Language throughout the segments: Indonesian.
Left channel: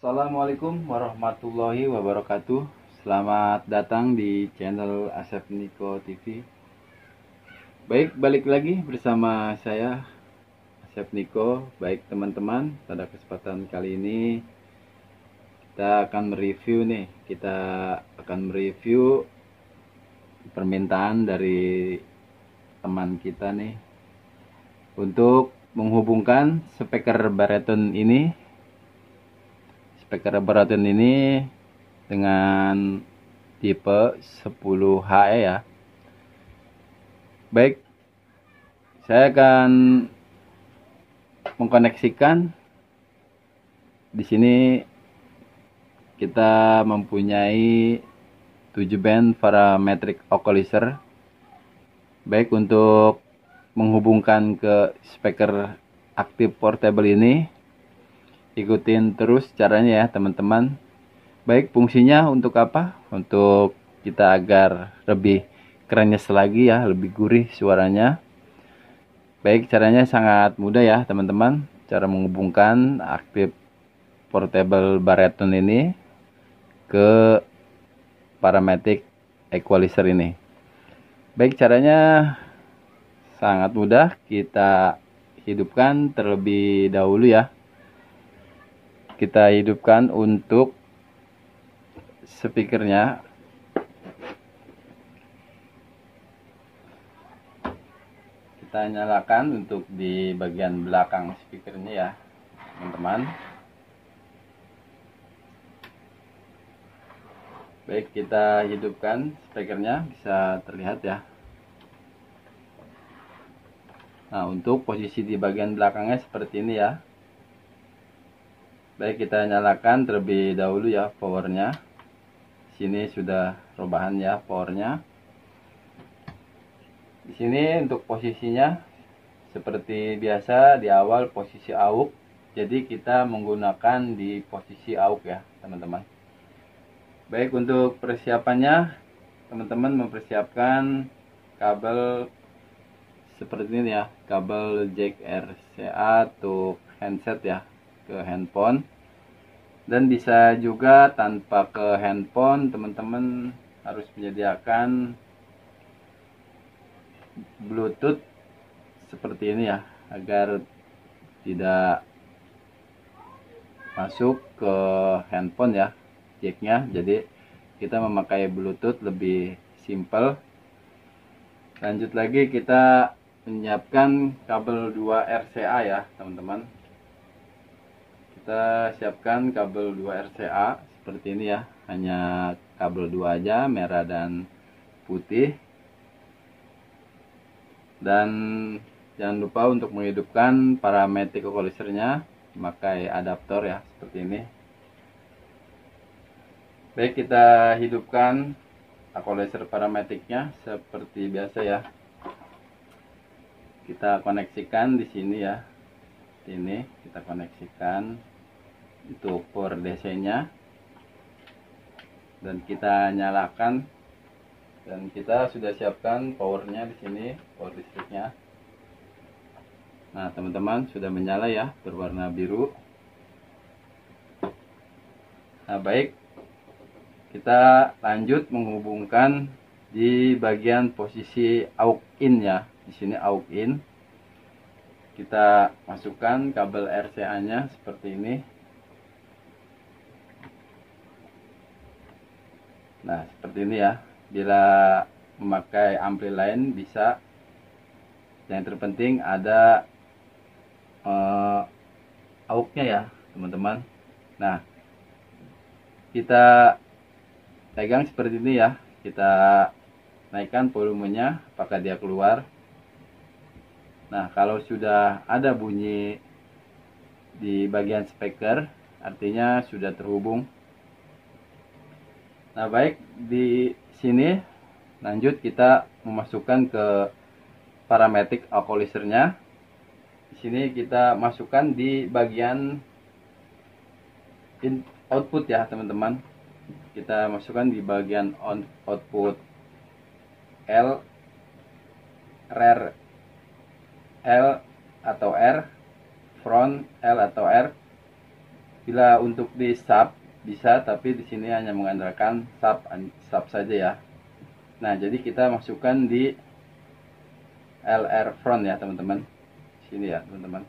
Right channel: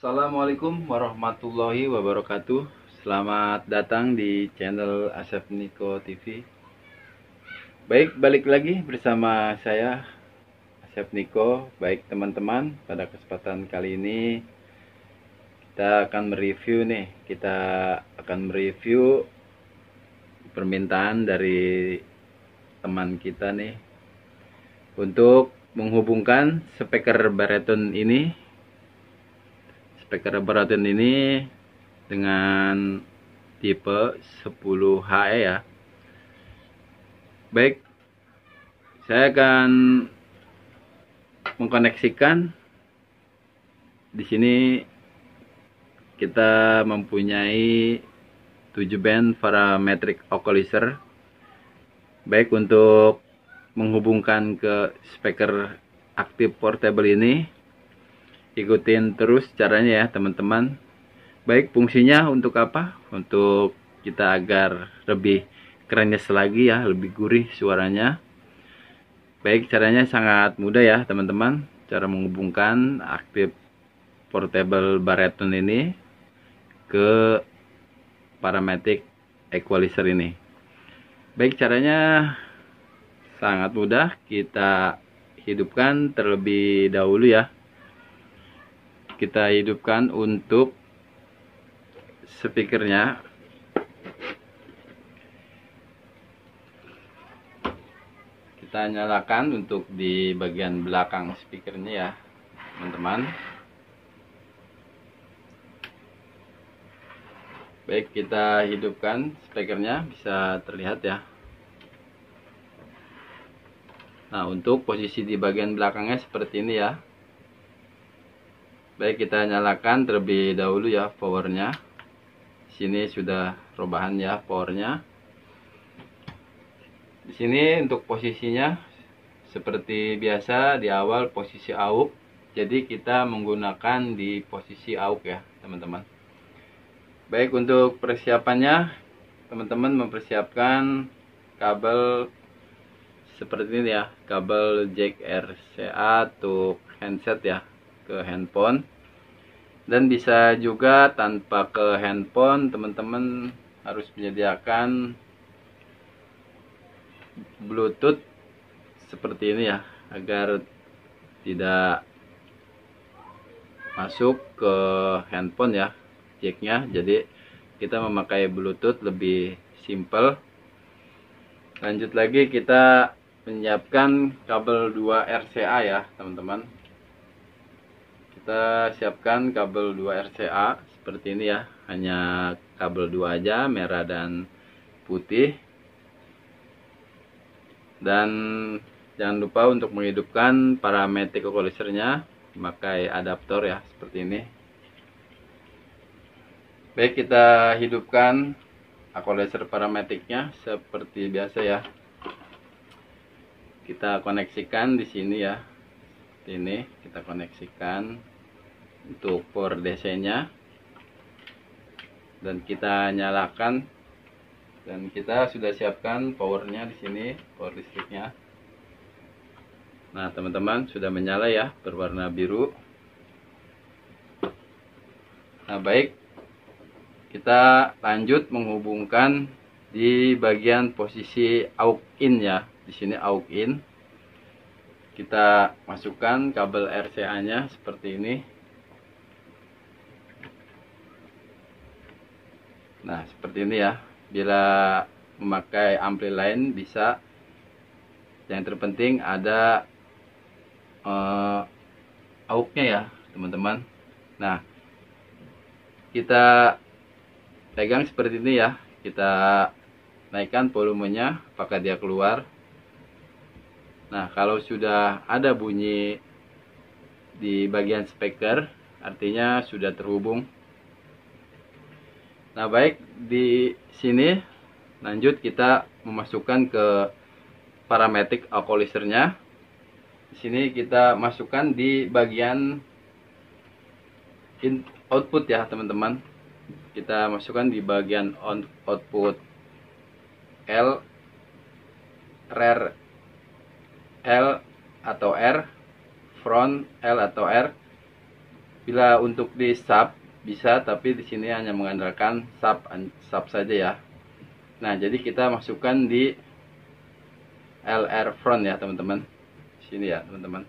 Assalamualaikum warahmatullahi wabarakatuh. Selamat datang di channel Asep Niko TV. Baik, balik lagi bersama saya Asep Niko. Baik teman-teman, pada kesempatan kali ini kita akan mereview permintaan dari teman kita nih untuk menghubungkan speaker baraton ini dengan tipe 10HE ya. Baik, saya akan mengkoneksikan. Di sini kita mempunyai 7 band parametric equalizer. Baik, untuk menghubungkan ke speaker aktif portable ini, ikutin terus caranya ya teman-teman. Baik, fungsinya untuk apa? Untuk kita agar lebih kerennya lagi ya, lebih gurih suaranya. Baik, caranya sangat mudah ya teman-teman. Cara menghubungkan aktif portable baraton ini ke parametric equalizer ini. Baik, caranya sangat mudah. Kita hidupkan terlebih dahulu ya. Kita hidupkan untuk speakernya. Kita nyalakan untuk di bagian belakang speakernya ya teman-teman. Baik, kita hidupkan speakernya, bisa terlihat ya. Nah, untuk posisi di bagian belakangnya seperti ini ya. Baik, kita nyalakan terlebih dahulu ya powernya. Sini sudah rebahan ya powernya. Di sini untuk posisinya seperti biasa, di awal posisi AUX. Jadi kita menggunakan di posisi AUX ya teman-teman. Baik, untuk persiapannya teman-teman mempersiapkan kabel seperti ini ya, kabel jack RCA untuk handset ya, ke handphone. Dan bisa juga tanpa ke handphone, teman-teman harus menyediakan Bluetooth seperti ini ya, agar tidak masuk ke handphone ya jacknya. Jadi kita memakai Bluetooth lebih simple. Lanjut lagi, kita menyiapkan kabel 2 RCA ya teman-teman. Kita siapkan kabel 2 RCA seperti ini ya, hanya kabel 2 aja, merah dan putih. Dan jangan lupa untuk menghidupkan parametric equalizernya, memakai adaptor ya seperti ini. Baik, kita hidupkan equalizer parametricnya seperti biasa ya. Kita koneksikan di sini ya, seperti ini. Kita koneksikan untuk power DC-nya, dan kita nyalakan, dan kita sudah siapkan powernya di sini, power listriknya. Nah teman-teman, sudah menyala ya, berwarna biru. Nah baik, kita lanjut menghubungkan di bagian posisi AUX in ya. Di sini AUX in. Kita masukkan kabel RCA-nya seperti ini. Nah, seperti ini ya. Bila memakai ampli lain bisa. Yang terpenting ada AUX-nya ya, teman-teman. Nah, kita pegang seperti ini ya. Kita naikkan volumenya, apakah dia keluar. Nah, kalau sudah ada bunyi di bagian speaker, artinya sudah terhubung. Nah baik, di sini lanjut kita memasukkan ke parametric equalizernya. Di sini kita masukkan di bagian output ya teman-teman. Kita masukkan di bagian output L, rear L atau R, front L atau R. Bila untuk di sub bisa, tapi di sini hanya mengandalkan sub saja ya. Nah, jadi kita masukkan di LR front ya teman-teman. Sini ya teman-teman.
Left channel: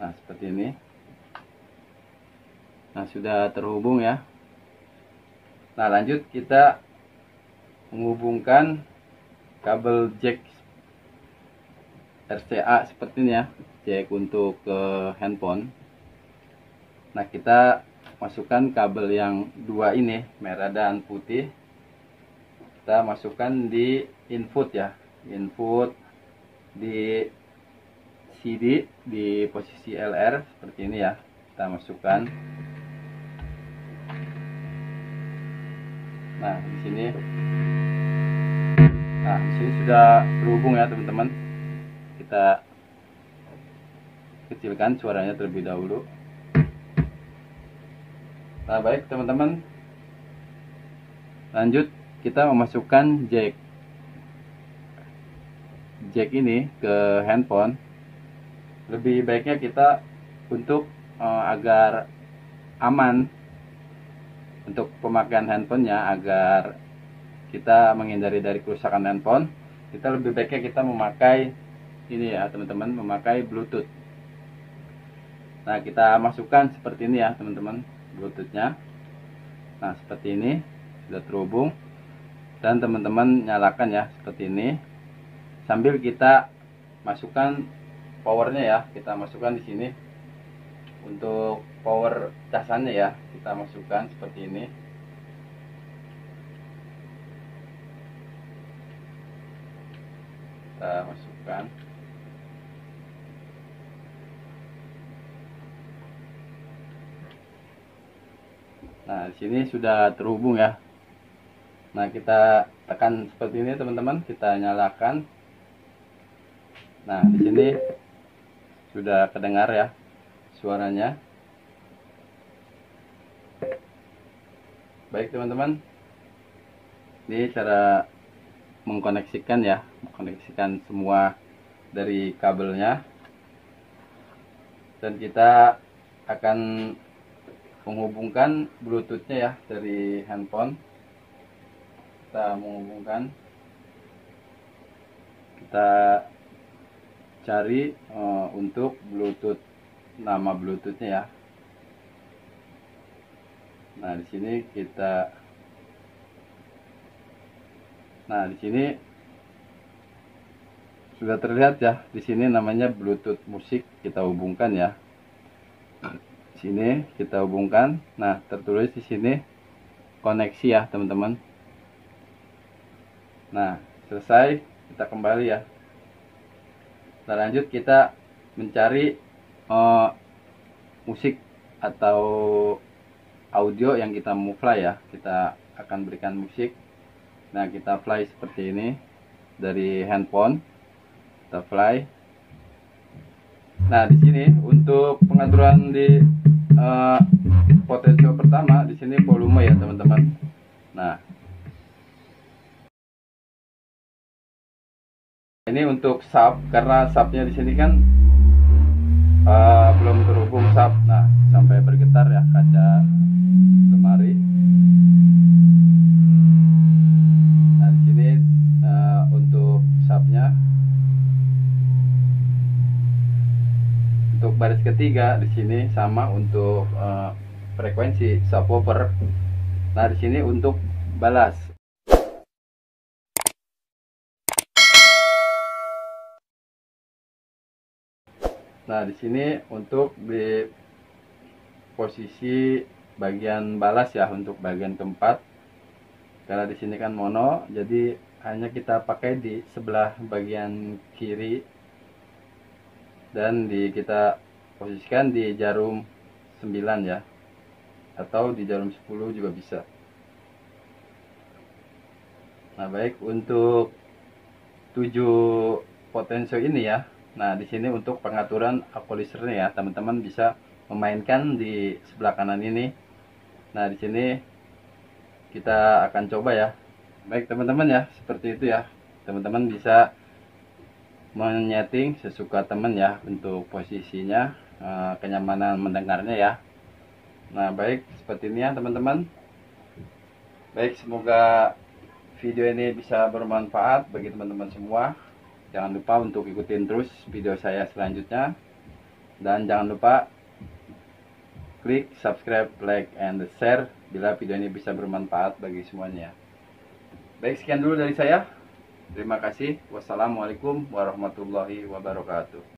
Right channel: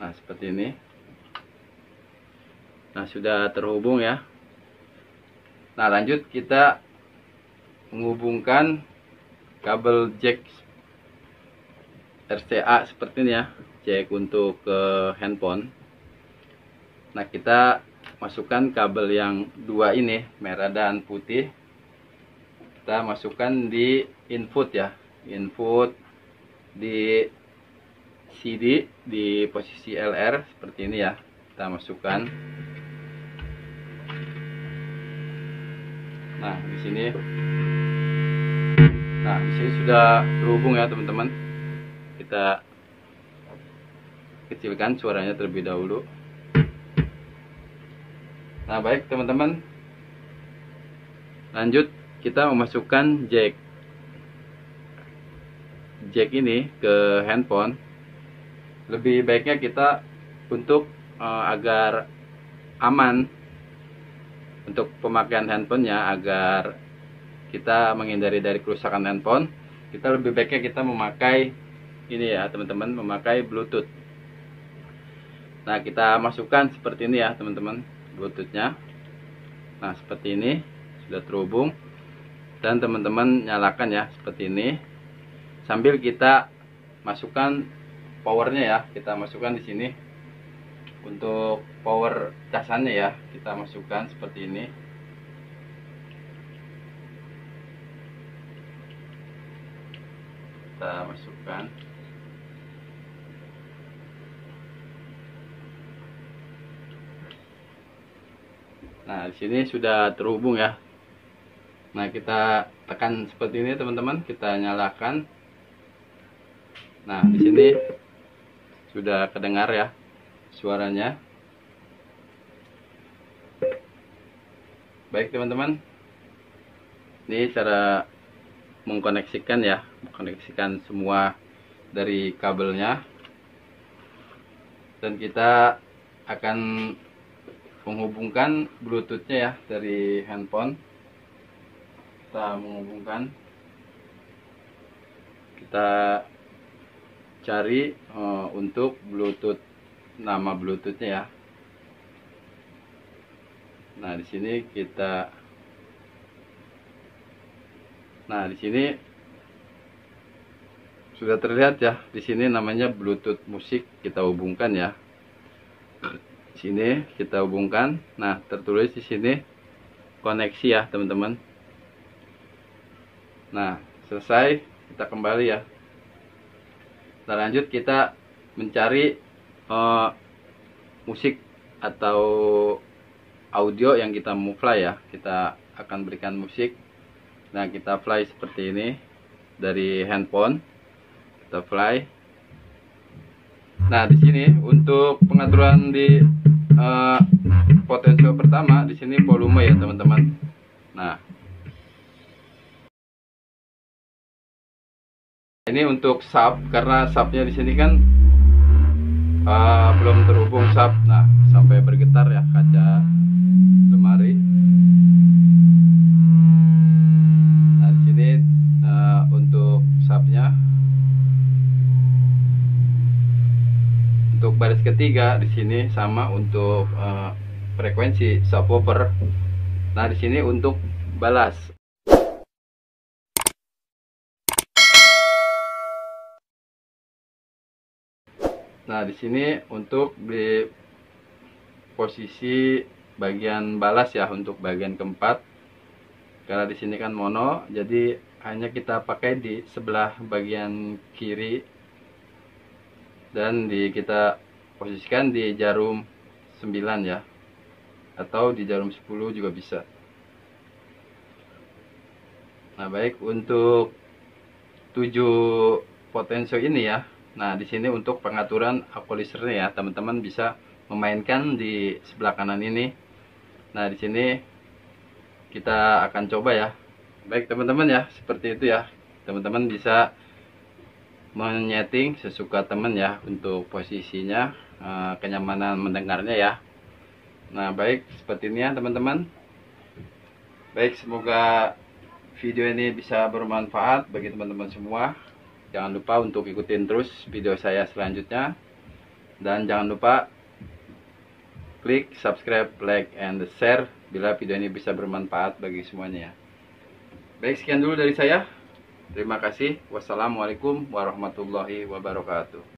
Nah, seperti ini. Nah, sudah terhubung ya. Nah, lanjut kita menghubungkan kabel jack RCA seperti ini ya, jack untuk handphone. Nah, kita masukkan kabel yang dua ini, merah dan putih. Kita masukkan di input ya, input di CD di posisi LR seperti ini ya. Kita masukkan. Nah, di sini. Nah, di sini sudah terhubung ya, teman-teman. Kita kecilkan suaranya terlebih dahulu. Nah, baik teman-teman. Lanjut kita memasukkan jack ini ke handphone. Lebih baiknya kita untuk agar aman untuk pemakaian handphonenya, agar kita menghindari dari kerusakan handphone, kita lebih baiknya kita memakai ini ya teman-teman, memakai Bluetooth. Nah, kita masukkan seperti ini ya teman-teman, Bluetoothnya. Nah, seperti ini sudah terhubung, dan teman-teman nyalakan ya seperti ini, sambil kita masukkan powernya ya. Kita masukkan di sini untuk power casannya ya, kita masukkan seperti ini. Kita masukkan. Nah, di sini sudah terhubung ya. Nah, kita tekan seperti ini teman-teman, kita nyalakan. Nah, di sini sudah kedengar ya suaranya. Baik teman-teman, ini cara mengkoneksikan ya, mengkoneksikan semua dari kabelnya, dan kita akan menghubungkan Bluetoothnya ya dari handphone. Kita menghubungkan, kita cari untuk Bluetooth, nama Bluetoothnya ya. Nah, di sini kita, nah di sini sudah terlihat ya, di sini namanya Bluetooth musik. Kita hubungkan ya. Di sini kita hubungkan. Nah, tertulis di sini koneksi ya teman-teman. Nah, selesai, kita kembali ya. Nah, lanjut kita mencari musik atau audio yang kita mau play ya. Kita akan berikan musik. Nah, kita play seperti ini dari handphone. Kita play. Nah, di sini untuk pengaturan di potensio pertama, di sini volume ya teman-teman. Nah, ini untuk sub, karena subnya di sini kan belum terhubung sub. Nah, sampai bergetar ya kaca lemari. Nah, di sini untuk subnya. Untuk baris ketiga di sini sama untuk frekuensi subwoofer. Nah, di sini untuk balas. Nah, di sini untuk di posisi bagian balas ya, untuk bagian keempat. Karena di sini kan mono, jadi hanya kita pakai di sebelah bagian kiri, dan kita posisikan di jarum 9 ya, atau di jarum 10 juga bisa. Nah, baik, untuk 7 potensio ini ya. Nah, di sini untuk pengaturan equalizernya ya, teman-teman bisa memainkan di sebelah kanan ini. Nah, di sini kita akan coba ya. Baik teman-teman ya, seperti itu ya. Teman-teman bisa menyeting sesuka teman ya untuk posisinya. kenyamanan mendengarnya ya. Nah, baik, seperti ini ya teman-teman. Baik, semoga video ini bisa bermanfaat bagi teman-teman semua. Jangan lupa untuk ikutin terus video saya selanjutnya. Dan jangan lupa klik subscribe, like, and share bila video ini bisa bermanfaat bagi semuanya ya. Baik, sekian dulu dari saya. Terima kasih. Wassalamualaikum warahmatullahi wabarakatuh.